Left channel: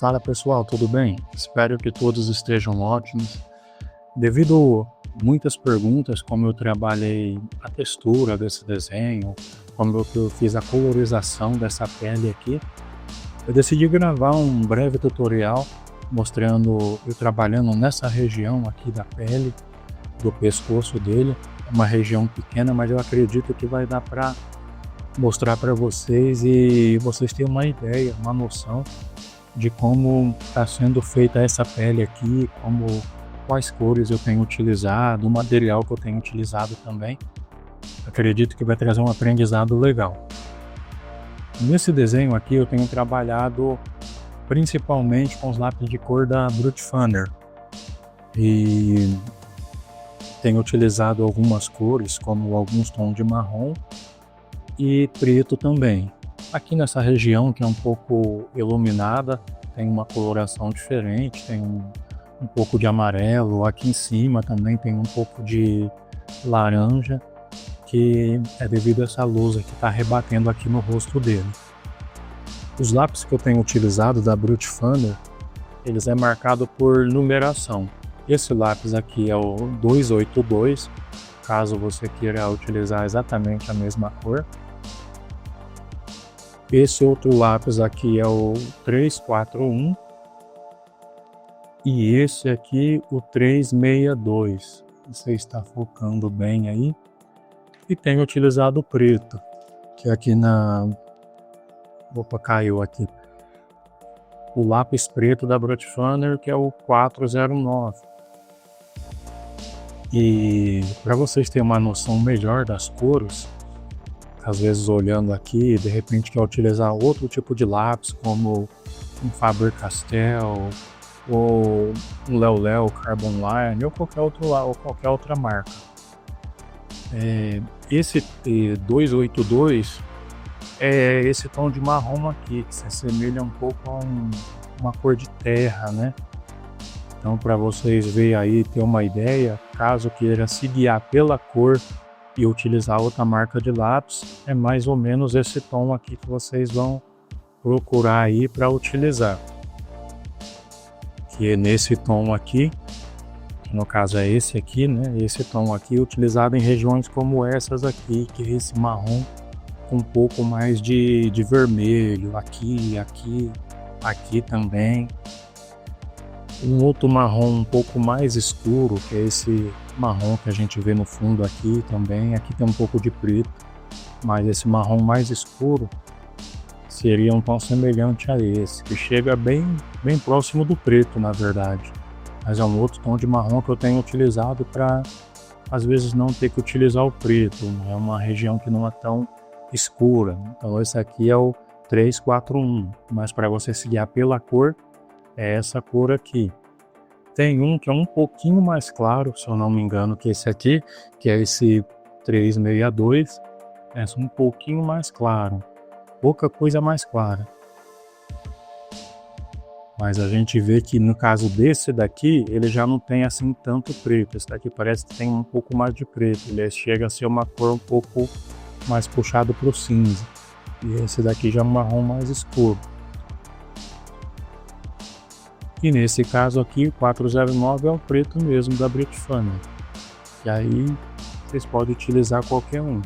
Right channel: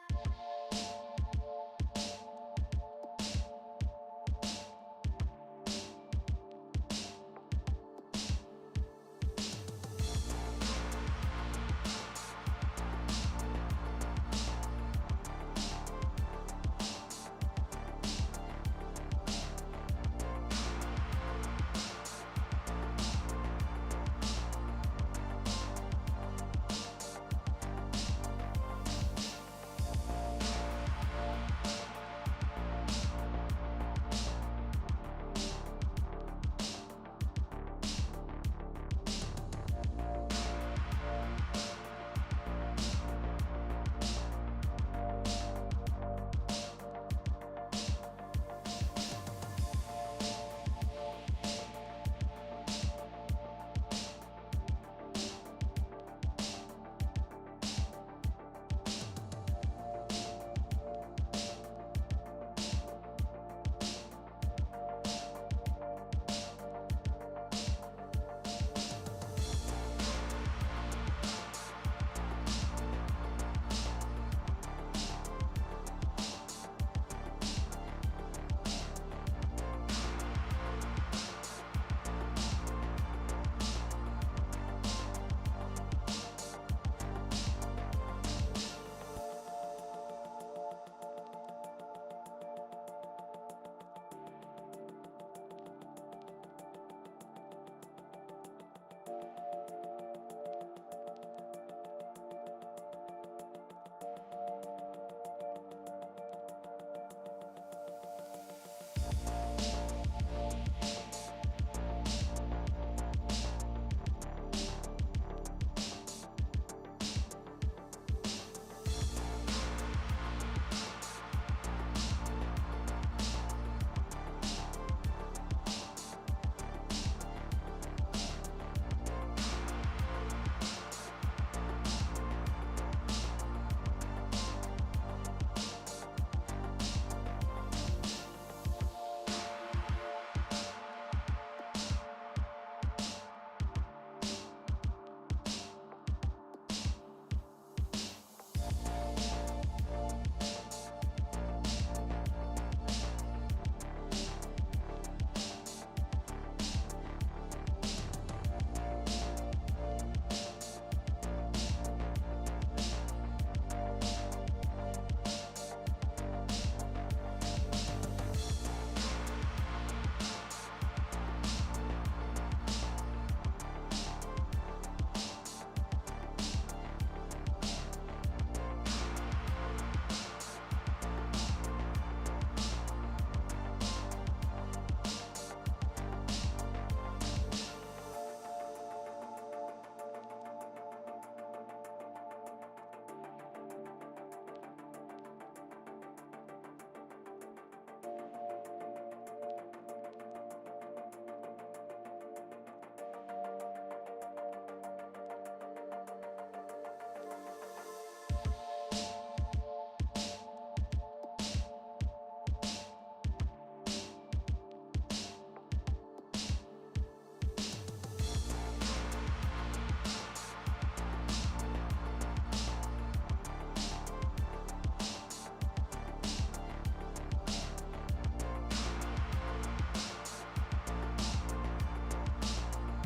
Fala pessoal, tudo bem? Espero que todos estejam ótimos. Devido muitas perguntas, como eu trabalhei a textura desse desenho, como eu fiz a colorização dessa pele aqui, eu decidi gravar um breve tutorial mostrando eu trabalhando nessa região aqui da pele, do pescoço dele. É uma região pequena, mas eu acredito que vai dar para mostrar para vocês e vocês terem uma ideia, uma noção de como está sendo feita essa pele aqui, quais cores eu tenho utilizado, o material que eu tenho utilizado também. Acredito que vai trazer um aprendizado legal. Nesse desenho aqui eu tenho trabalhado principalmente com os lápis de cor da Brute Funner e tenho utilizado algumas cores, como alguns tons de marrom e preto também. Aqui nessa região que é um pouco iluminada, tem uma coloração diferente, tem um pouco de amarelo, aqui em cima também tem um pouco de laranja, que é devido a essa luz que está rebatendo aqui no rosto dele. Os lápis que eu tenho utilizado da Brute Funner, eles é marcado por numeração. Esse lápis aqui é o 282, caso você queira utilizar exatamente a mesma cor. Esse outro lápis aqui é o 341 e esse aqui o 362. Você está focando bem aí. E tenho utilizado o preto, que aqui Opa, caiu aqui. O lápis preto da Brute Funner, que é o 409. E para vocês terem uma noção melhor das cores, às vezes olhando aqui, de repente quer utilizar outro tipo de lápis, como um Faber-Castell, ou um Leo Carbon Line, ou qualquer outra marca. Esse 282 é esse tom de marrom aqui, que se assemelha um pouco a uma cor de terra, né? Então, para vocês verem aí, ter uma ideia, caso queira se guiar pela cor e utilizar outra marca de lápis, é mais ou menos esse tom aqui que vocês vão procurar aí para utilizar. Que é nesse tom aqui, no caso é esse aqui, né? Esse tom aqui utilizado em regiões como essas aqui, que é esse marrom com um pouco mais de vermelho, aqui também. Um outro marrom um pouco mais escuro, que é esse marrom que a gente vê no fundo aqui também. Aqui tem um pouco de preto, mas esse marrom mais escuro seria um tom semelhante a esse, que chega bem próximo do preto, na verdade. Mas é um outro tom de marrom que eu tenho utilizado para, às vezes, não ter que utilizar o preto. É uma região que não é tão escura. Então esse aqui é o 341, mas para você se guiar pela cor, é essa cor aqui. Tem um que é um pouquinho mais claro, se eu não me engano, que esse aqui, que é esse 362, é um pouquinho mais claro, pouca coisa mais clara. Mas a gente vê que no caso desse daqui, ele já não tem assim tanto preto. Esse daqui parece que tem um pouco mais de preto, ele chega a ser uma cor um pouco mais puxado para o cinza. E esse daqui já é um marrom mais escuro. E nesse caso aqui, o 409 é o preto mesmo da Brute Funner. E aí vocês podem utilizar qualquer um.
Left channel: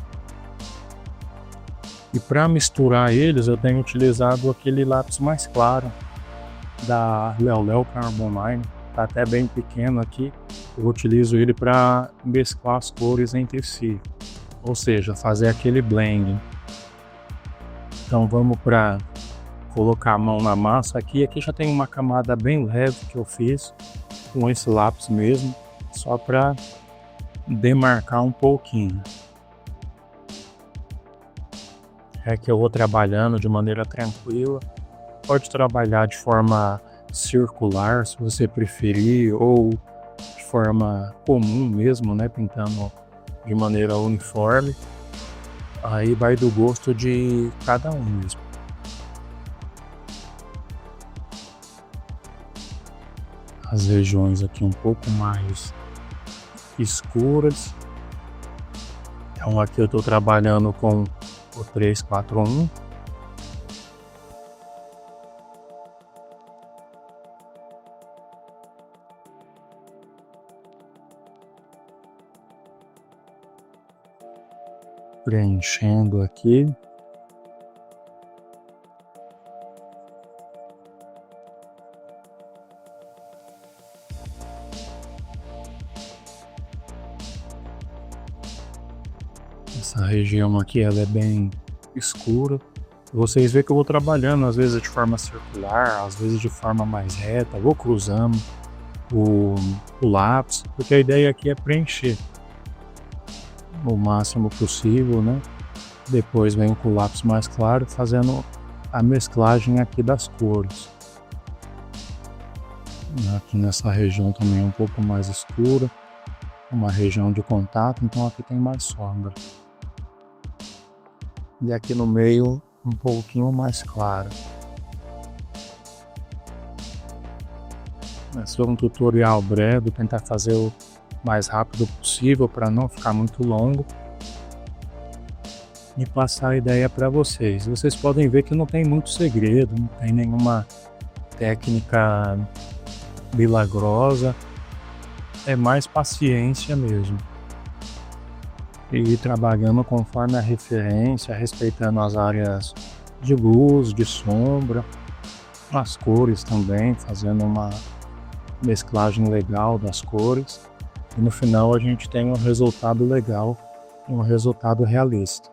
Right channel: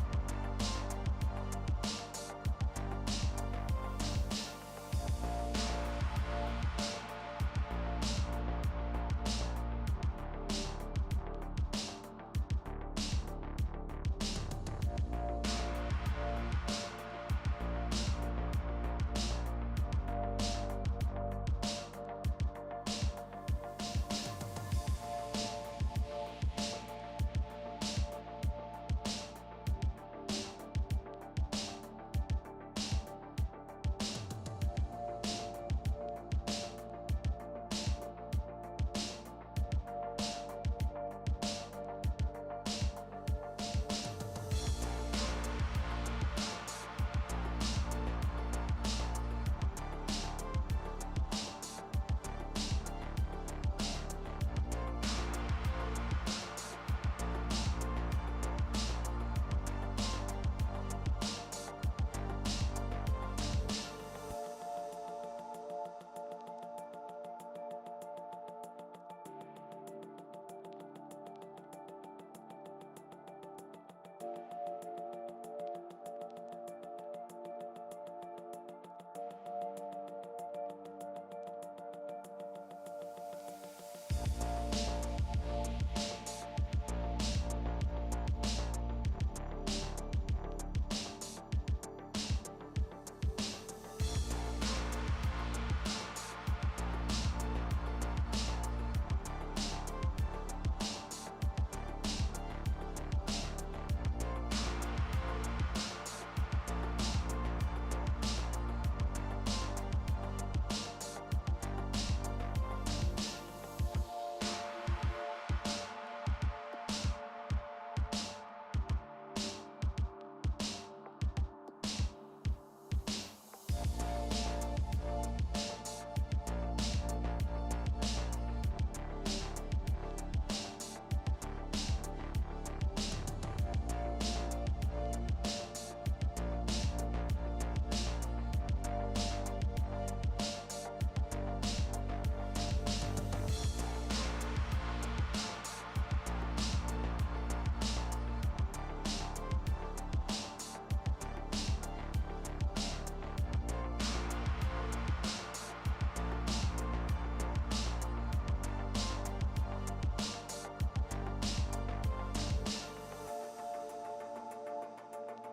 E para misturar eles, eu tenho utilizado aquele lápis mais claro da Leo Carbon Line. Tá até bem pequeno aqui. Eu utilizo ele para mesclar as cores entre si, ou seja, fazer aquele blend. Então vamos para colocar a mão na massa aqui. Aqui já tem uma camada bem leve que eu fiz com esse lápis mesmo, só para demarcar um pouquinho. É que eu vou trabalhando de maneira tranquila. Pode trabalhar de forma circular, se você preferir, ou de forma comum mesmo, né, pintando de maneira uniforme. Aí vai do gosto de cada um mesmo. As regiões aqui um pouco mais escuras. Então aqui eu estou trabalhando com o 341. preenchendo aqui. Essa região aqui ela é bem escura. Vocês veem que eu vou trabalhando às vezes de forma circular, às vezes de forma mais reta, vou cruzando o lápis, porque a ideia aqui é preencher o máximo possível, né? Depois venho com o lápis mais claro, fazendo a mesclagem aqui das cores. Aqui nessa região também é um pouco mais escura, uma região de contato, então aqui tem mais sombra. E aqui no meio um pouquinho mais claro. Esse é um tutorial breve, tentar fazer o mais rápido possível para não ficar muito longo e passar a ideia para vocês. Vocês podem ver que não tem muito segredo, não tem nenhuma técnica milagrosa, é mais paciência mesmo. E ir trabalhando conforme a referência, respeitando as áreas de luz, de sombra, as cores também, fazendo uma mesclagem legal das cores. E no final a gente tem um resultado legal, um resultado realista.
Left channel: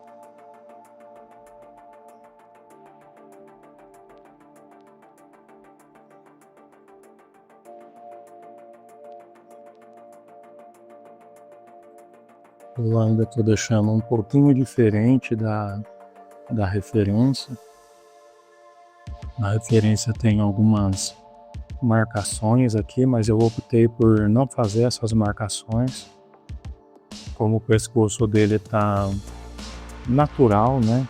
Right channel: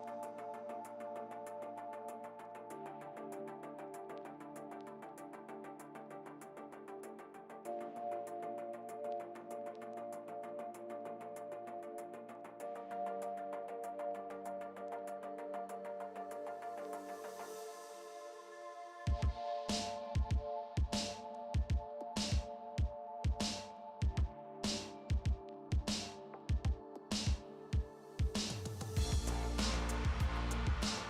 Eu ainda estou deixando um pouquinho diferente da referência. A referência tem algumas marcações aqui, mas eu optei por não fazer essas marcações. Como o pescoço dele tá natural, né?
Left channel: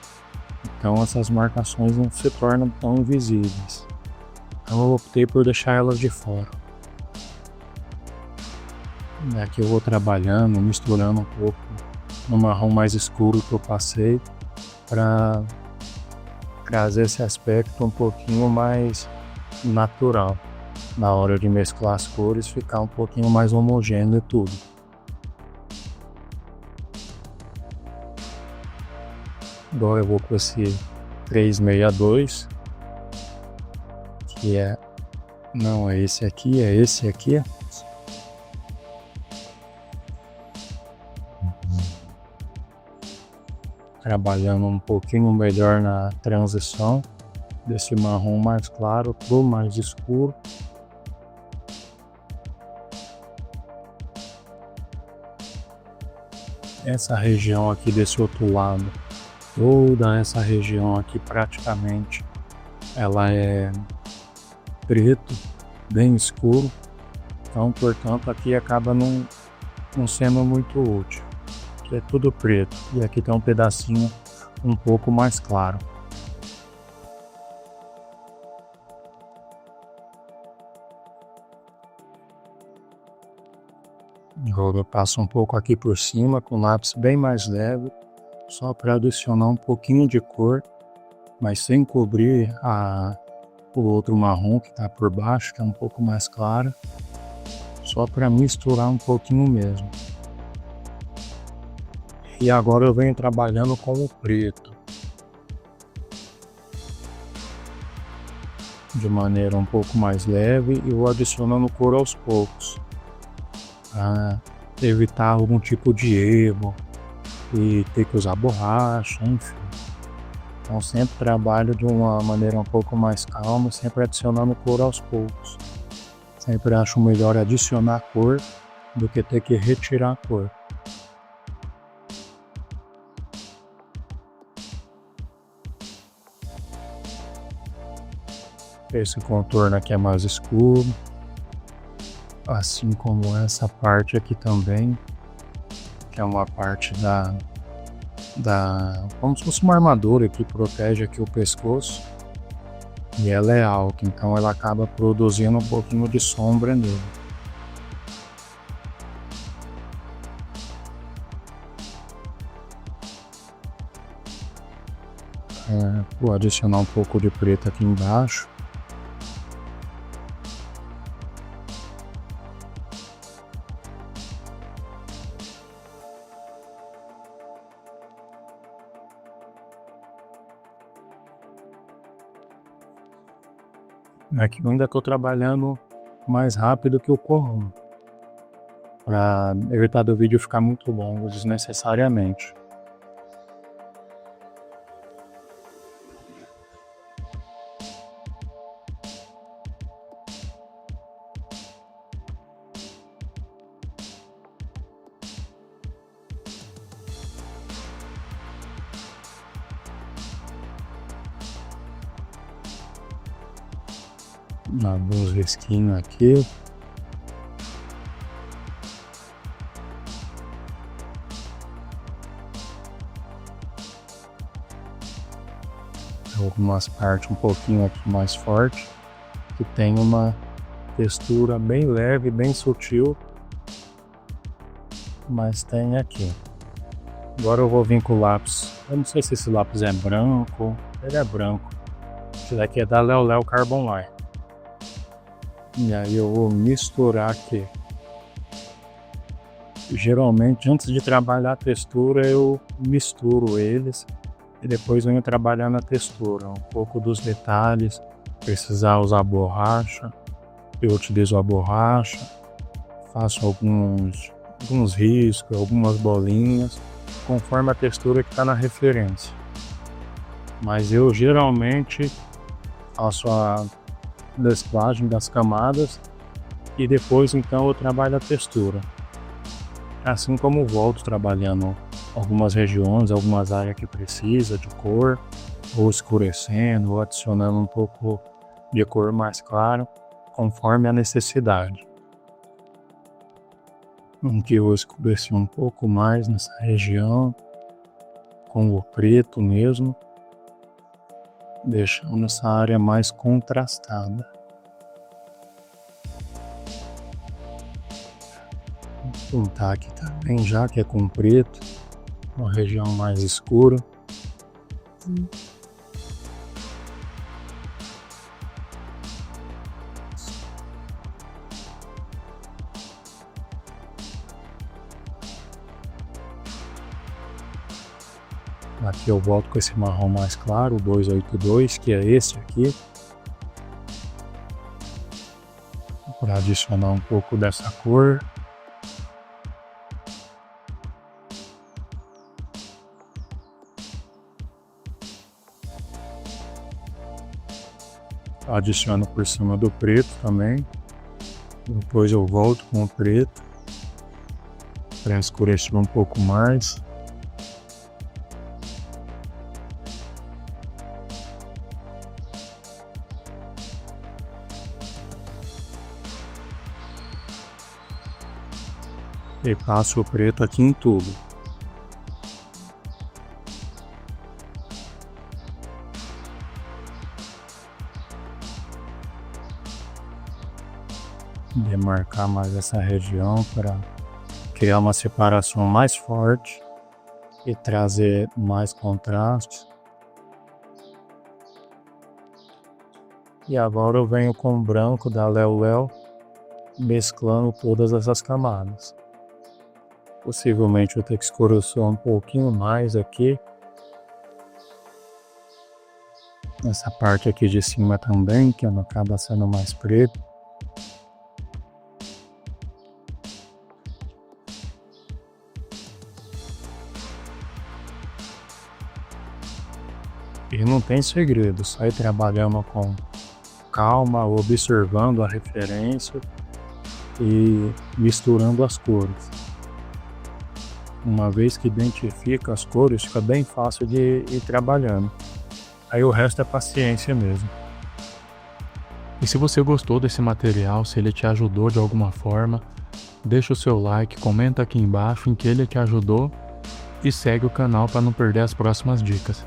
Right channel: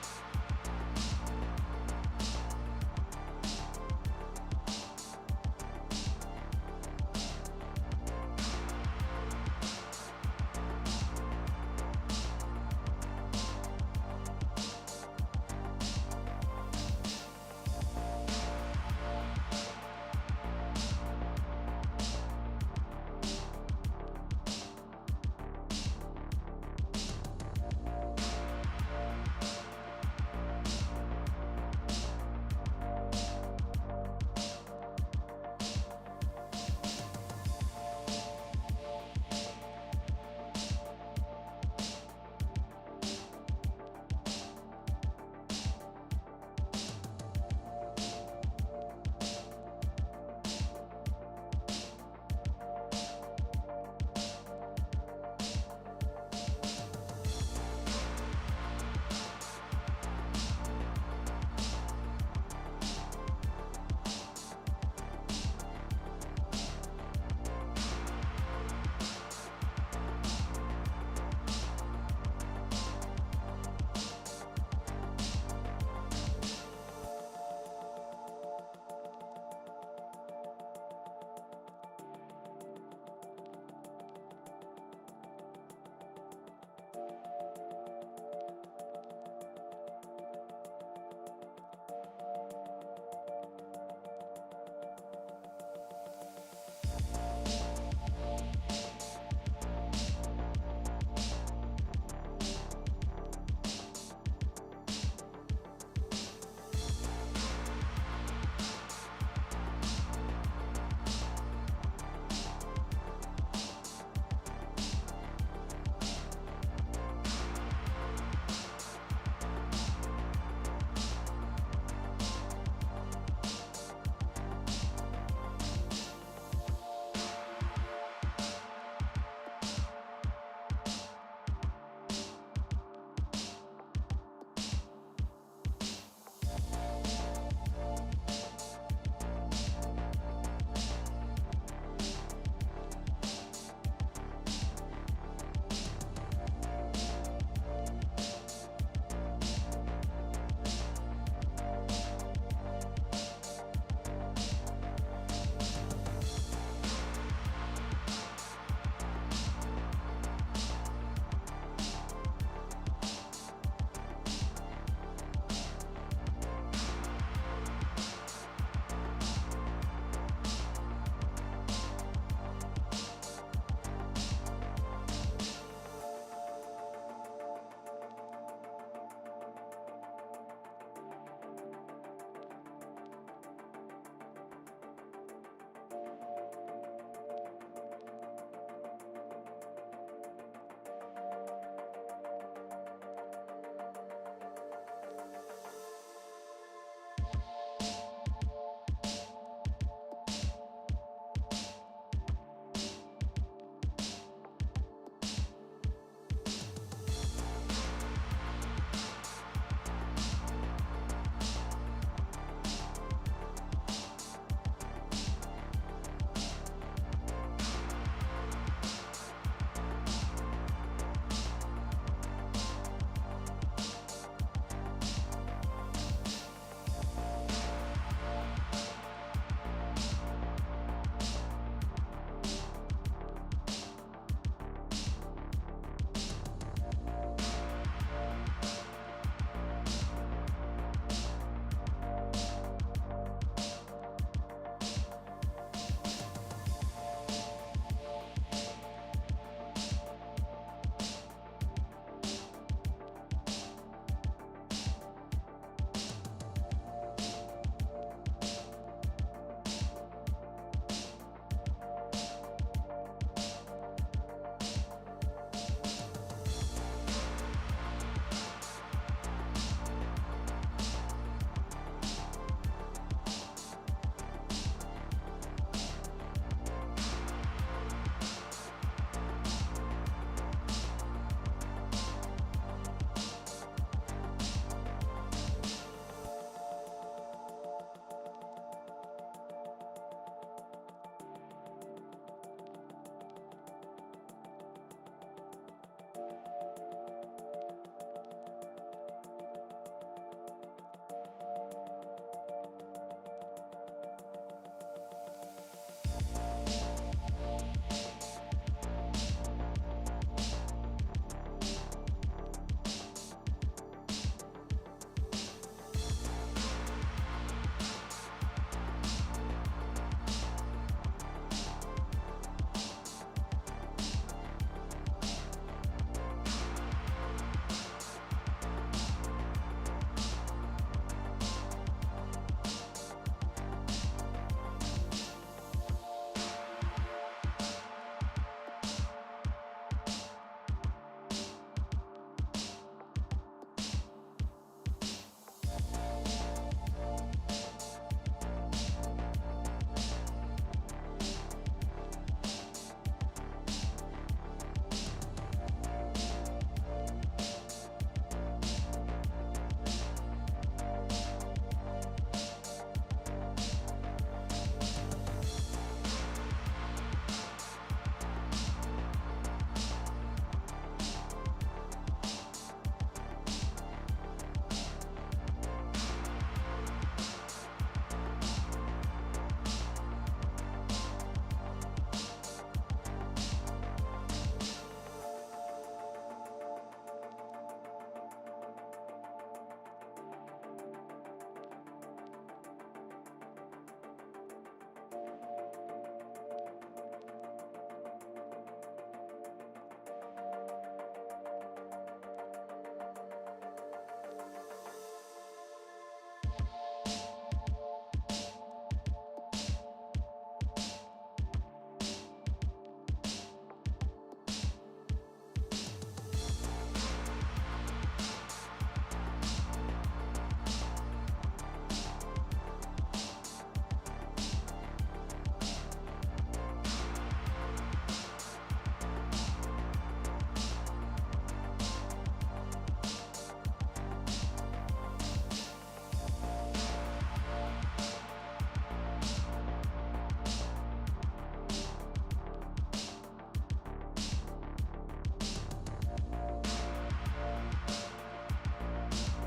Então essas marcações não se tornam tão visíveis. Então eu optei por deixar elas de fora. Aqui eu vou trabalhando, misturando um pouco no marrom mais escuro que eu passei para trazer esse aspecto um pouquinho mais natural. Na hora de mesclar as cores, ficar um pouquinho mais homogêneo tudo. Agora eu vou com esse 362, que é... não é esse aqui, é esse aqui. Trabalhando um pouquinho melhor na transição desse marrom mais claro para o mais escuro. Essa região aqui desse outro lado, toda essa região aqui praticamente, ela é preto, bem escuro, então portanto aqui acaba não sendo muito útil. Aqui é tudo preto e aqui tem um pedacinho um pouco mais claro. Agora eu passo um pouco aqui por cima com lápis bem mais leve, só para adicionar um pouquinho de cor, mas sem cobrir o outro marrom que está por baixo, que é um pouco mais claro, só para misturar um pouquinho mesmo. E agora eu venho trabalhando com o preto, de maneira um pouco mais leve, e vou adicionando cor aos poucos, para evitar algum tipo de erro e ter que usar borracha, enfim. Então sempre trabalho de uma maneira um pouco mais calma, sempre adicionando cor aos poucos. Sempre acho melhor adicionar cor do que ter que retirar a cor. Esse contorno aqui é mais escuro, assim como essa parte aqui também, que é uma parte como se fosse uma armadura que protege aqui o pescoço, e ela é alta, então ela acaba produzindo um pouquinho de sombra nele. Vou adicionar um pouco de preto aqui embaixo. Aqui eu ainda estou trabalhando mais rápido que o comum, para evitar do vídeo ficar muito longo desnecessariamente. Abrir os risquinhos aqui. Algumas partes um pouquinho aqui mais forte, que tem uma textura bem leve, bem sutil, mas tem aqui. Agora eu vou vir com o lápis. Eu não sei se esse lápis é branco. Ele é branco. Esse daqui é da Leo Carbon Line. E aí eu vou misturar aqui. Geralmente antes de trabalhar a textura eu misturo eles e depois venho trabalhando a textura, um pouco dos detalhes. Precisar usar borracha, eu utilizo a borracha, faço alguns riscos, algumas bolinhas, conforme a textura que está na referência. Mas eu geralmente faço a mesclagem das camadas e depois então eu trabalho a textura. Assim como volto trabalhando algumas regiões, algumas áreas que precisa de cor, ou escurecendo, ou adicionando um pouco de cor mais clara, conforme a necessidade. Aqui eu vou escurecer um pouco mais nessa região, com o preto mesmo, deixando essa área mais contrastada. Vou pintar aqui também, já que é com preto, uma região mais escura. Aqui eu volto com esse marrom mais claro, o 282, que é esse aqui, para adicionar um pouco dessa cor. Adiciono por cima do preto também. Depois eu volto com o preto para escurecer um pouco mais. E passo o preto aqui em tudo. Demarcar mais essa região para criar uma separação mais forte e trazer mais contraste. E agora eu venho com o branco da Leo, mesclando todas essas camadas. Possivelmente eu tenho que escurecer um pouquinho mais aqui. Essa parte aqui de cima também, que não acaba sendo mais preto. E não tem segredo, sai trabalhando com calma, observando a referência e misturando as cores. Uma vez que identifica as cores, fica bem fácil de ir trabalhando. Aí o resto é paciência mesmo. E se você gostou desse material, se ele te ajudou de alguma forma, deixa o seu like, comenta aqui embaixo em que ele te ajudou e segue o canal para não perder as próximas dicas.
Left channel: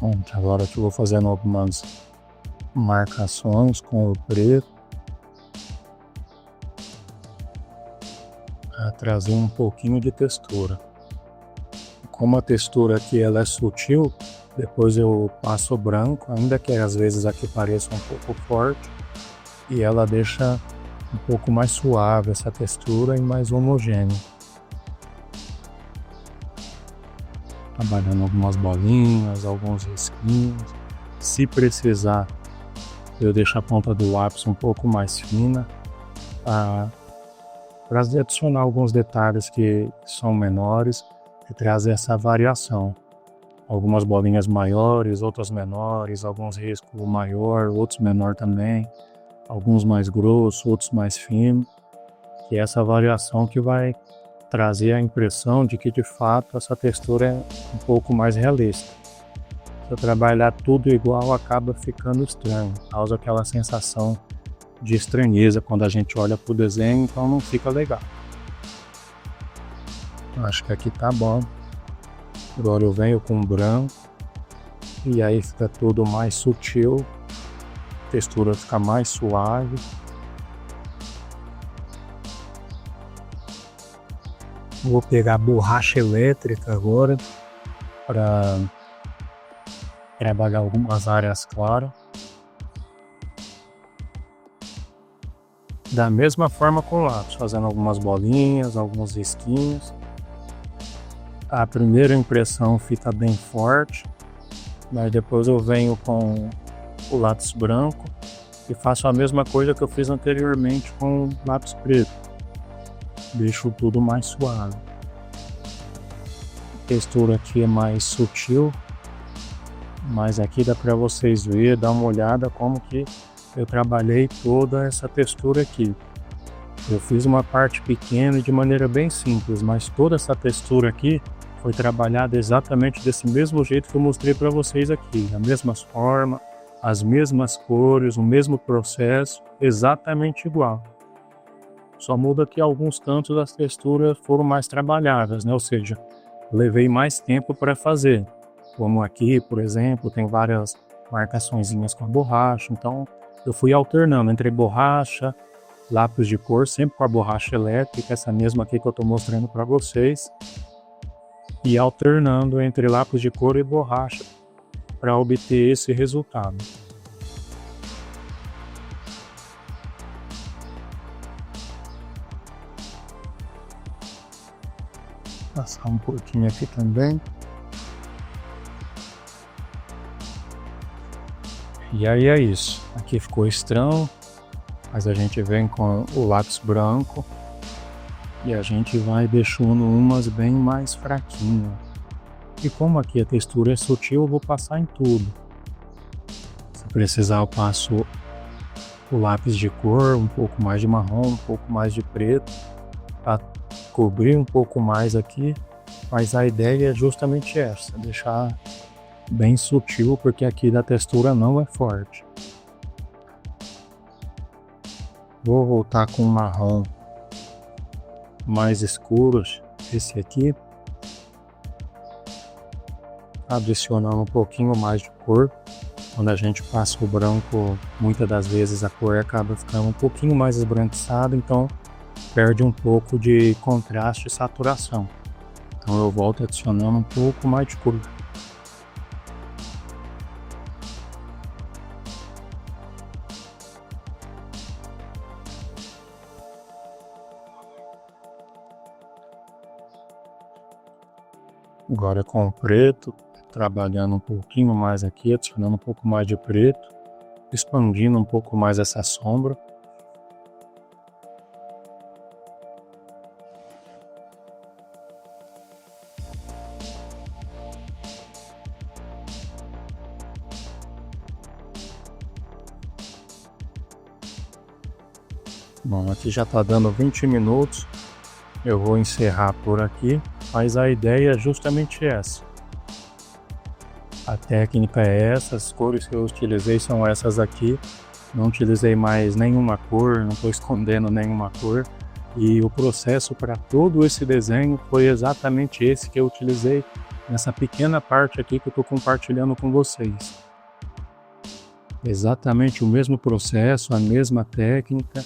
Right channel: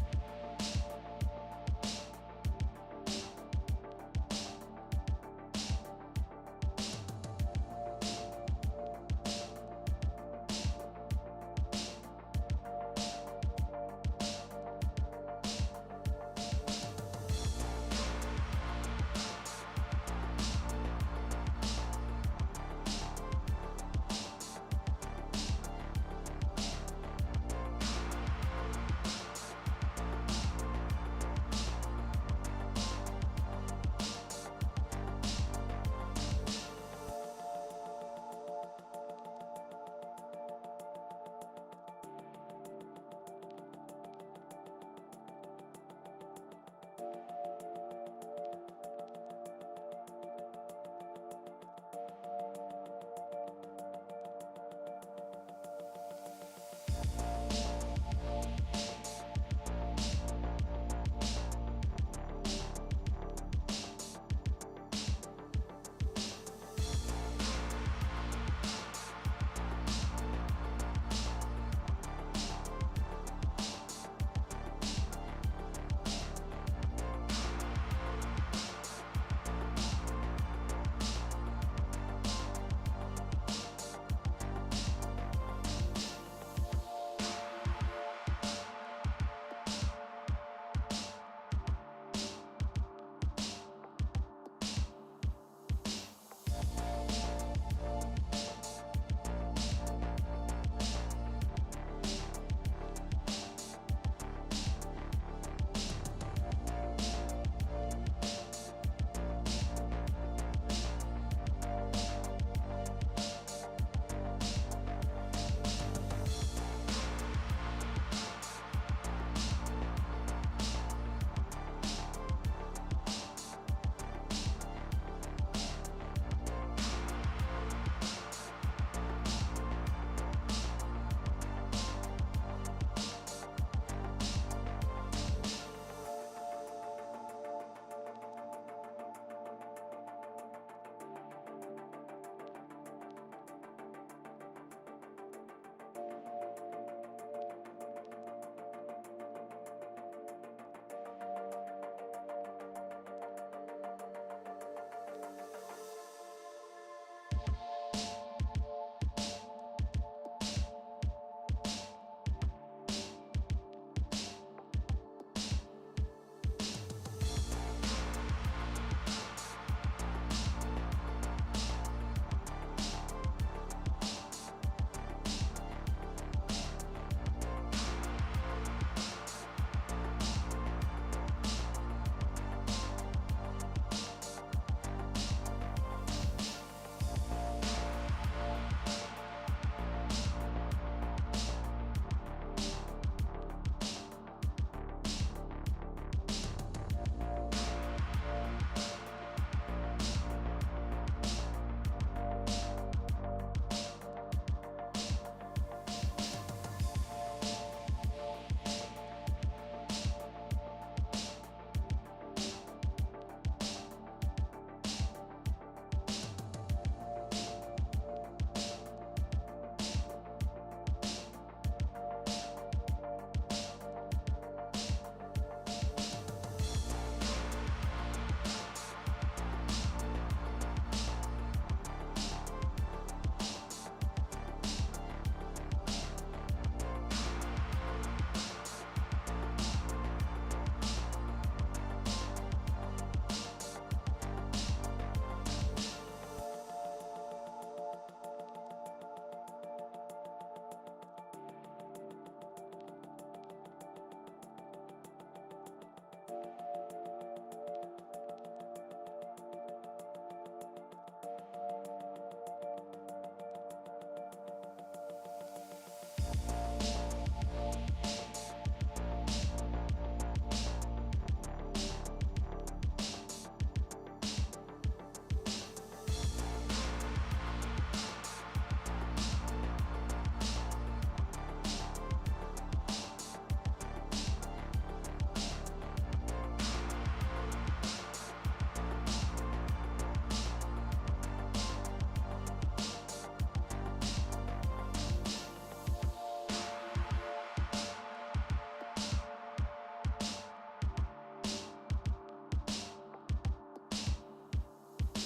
Bom, agora que eu vou fazendo algumas marcações com o preto para trazer um pouquinho de textura. Como a textura aqui ela é sutil, depois eu passo o branco, ainda que às vezes aqui pareça um pouco forte, e ela deixa um pouco mais suave essa textura e mais homogênea. trabalhando algumas bolinhas, alguns risquinhos. Se precisar, eu deixo a ponta do lápis um pouco mais fina para adicionar alguns detalhes que são menores e trazer essa variação. Algumas bolinhas maiores, outras menores, alguns riscos maior, outros menor também, alguns mais grossos, outros mais finos. E essa variação que vai trazer a impressão de que de fato essa textura é um pouco mais realista. Se eu trabalhar tudo igual, acaba ficando estranho, causa aquela sensação de estranheza quando a gente olha pro desenho, então não fica legal. Acho que aqui tá bom. Agora eu venho com branco e aí fica tudo mais sutil, a textura fica mais suave. Vou pegar a borracha elétrica agora para trabalhar algumas áreas claras. Da mesma forma com o lápis, fazendo algumas bolinhas, alguns risquinhos. A primeira impressão fica bem forte, mas depois eu venho com o lápis branco e faço a mesma coisa que eu fiz anteriormente com o lápis preto. Deixo tudo mais suave. A textura aqui é mais sutil, mas aqui dá para vocês verem, dar uma olhada como que eu trabalhei toda essa textura aqui. Eu fiz uma parte pequena de maneira bem simples, mas toda essa textura aqui foi trabalhada exatamente desse mesmo jeito que eu mostrei para vocês aqui, da mesma forma, as mesmas cores, o mesmo processo, exatamente igual. Só muda que alguns cantos das texturas foram mais trabalhadas, né? Ou seja, levei mais tempo para fazer. Como aqui, por exemplo, tem várias marcaçõezinhas com a borracha, então eu fui alternando entre borracha, lápis de cor, sempre com a borracha elétrica, essa mesma aqui que eu estou mostrando para vocês, e alternando entre lápis de cor e borracha para obter esse resultado. Passar um pouquinho aqui também. E aí é isso. Aqui ficou estranho, mas a gente vem com o lápis branco e a gente vai deixando umas bem mais fraquinhas. E como aqui a textura é sutil, eu vou passar em tudo. Se precisar, eu passo o lápis de cor, um pouco mais de marrom, um pouco mais de preto, para cobrir um pouco mais aqui, mas a ideia é justamente essa, deixar bem sutil, porque aqui da textura não é forte. Vou voltar com um marrom mais escuro, esse aqui, adicionando um pouquinho mais de cor. Quando a gente passa o branco, muitas das vezes a cor acaba ficando um pouquinho mais esbranquiçada, então perde um pouco de contraste e saturação. Então eu volto adicionando um pouco mais de cor. Agora com o preto, trabalhando um pouquinho mais aqui, adicionando um pouco mais de preto, expandindo um pouco mais essa sombra. Bom, aqui já está dando 20 minutos, eu vou encerrar por aqui, mas a ideia é justamente essa. A técnica é essa, as cores que eu utilizei são essas aqui, não utilizei mais nenhuma cor, não estou escondendo nenhuma cor, e o processo para todo esse desenho foi exatamente esse que eu utilizei nessa pequena parte aqui que eu estou compartilhando com vocês. Exatamente o mesmo processo, a mesma técnica,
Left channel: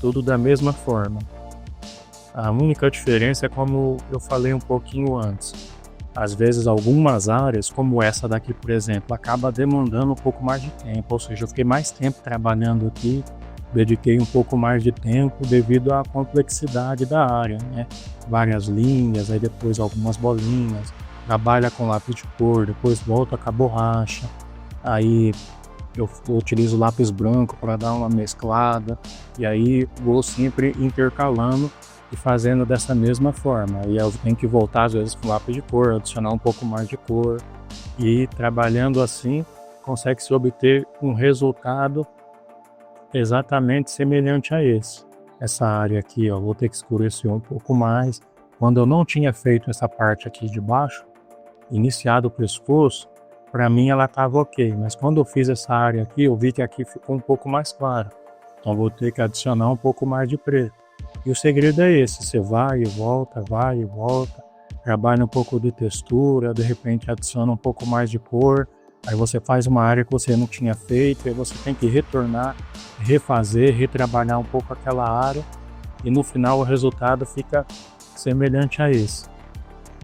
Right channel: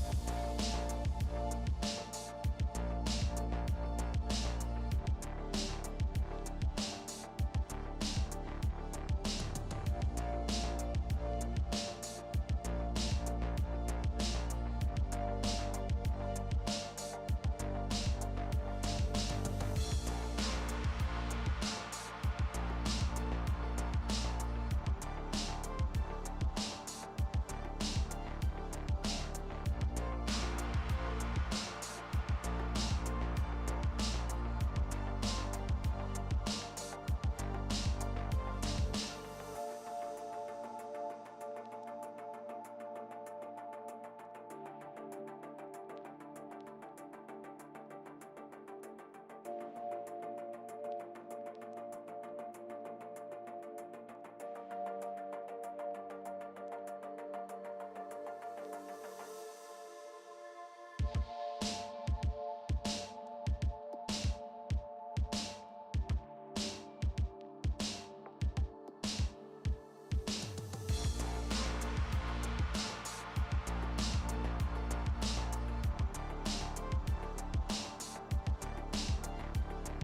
tudo da mesma forma. A única diferença é como eu falei um pouquinho antes. Às vezes algumas áreas, como essa daqui por exemplo, acaba demandando um pouco mais de tempo, ou seja, eu fiquei mais tempo trabalhando aqui, dediquei um pouco mais de tempo devido à complexidade da área, né? Várias linhas, aí depois algumas bolinhas, trabalha com lápis de cor, depois volta com a borracha, aí eu utilizo lápis branco para dar uma mesclada, e aí vou sempre intercalando e fazendo dessa mesma forma. E eu tenho que voltar às vezes com lápis de cor, adicionar um pouco mais de cor, e trabalhando assim consegue-se obter um resultado exatamente semelhante a esse. Essa área aqui, ó, vou ter que escurecer um pouco mais. Quando eu não tinha feito essa parte aqui de baixo, iniciado o pescoço, para mim ela estava ok, mas quando eu fiz essa área aqui, eu vi que aqui ficou um pouco mais claro. Então vou ter que adicionar um pouco mais de preto. E o segredo é esse, você vai e volta, trabalha um pouco de textura, de repente adiciona um pouco mais de cor, aí você faz uma área que você não tinha feito, aí você tem que retornar, refazer, retrabalhar um pouco aquela área, e no final o resultado fica semelhante a esse.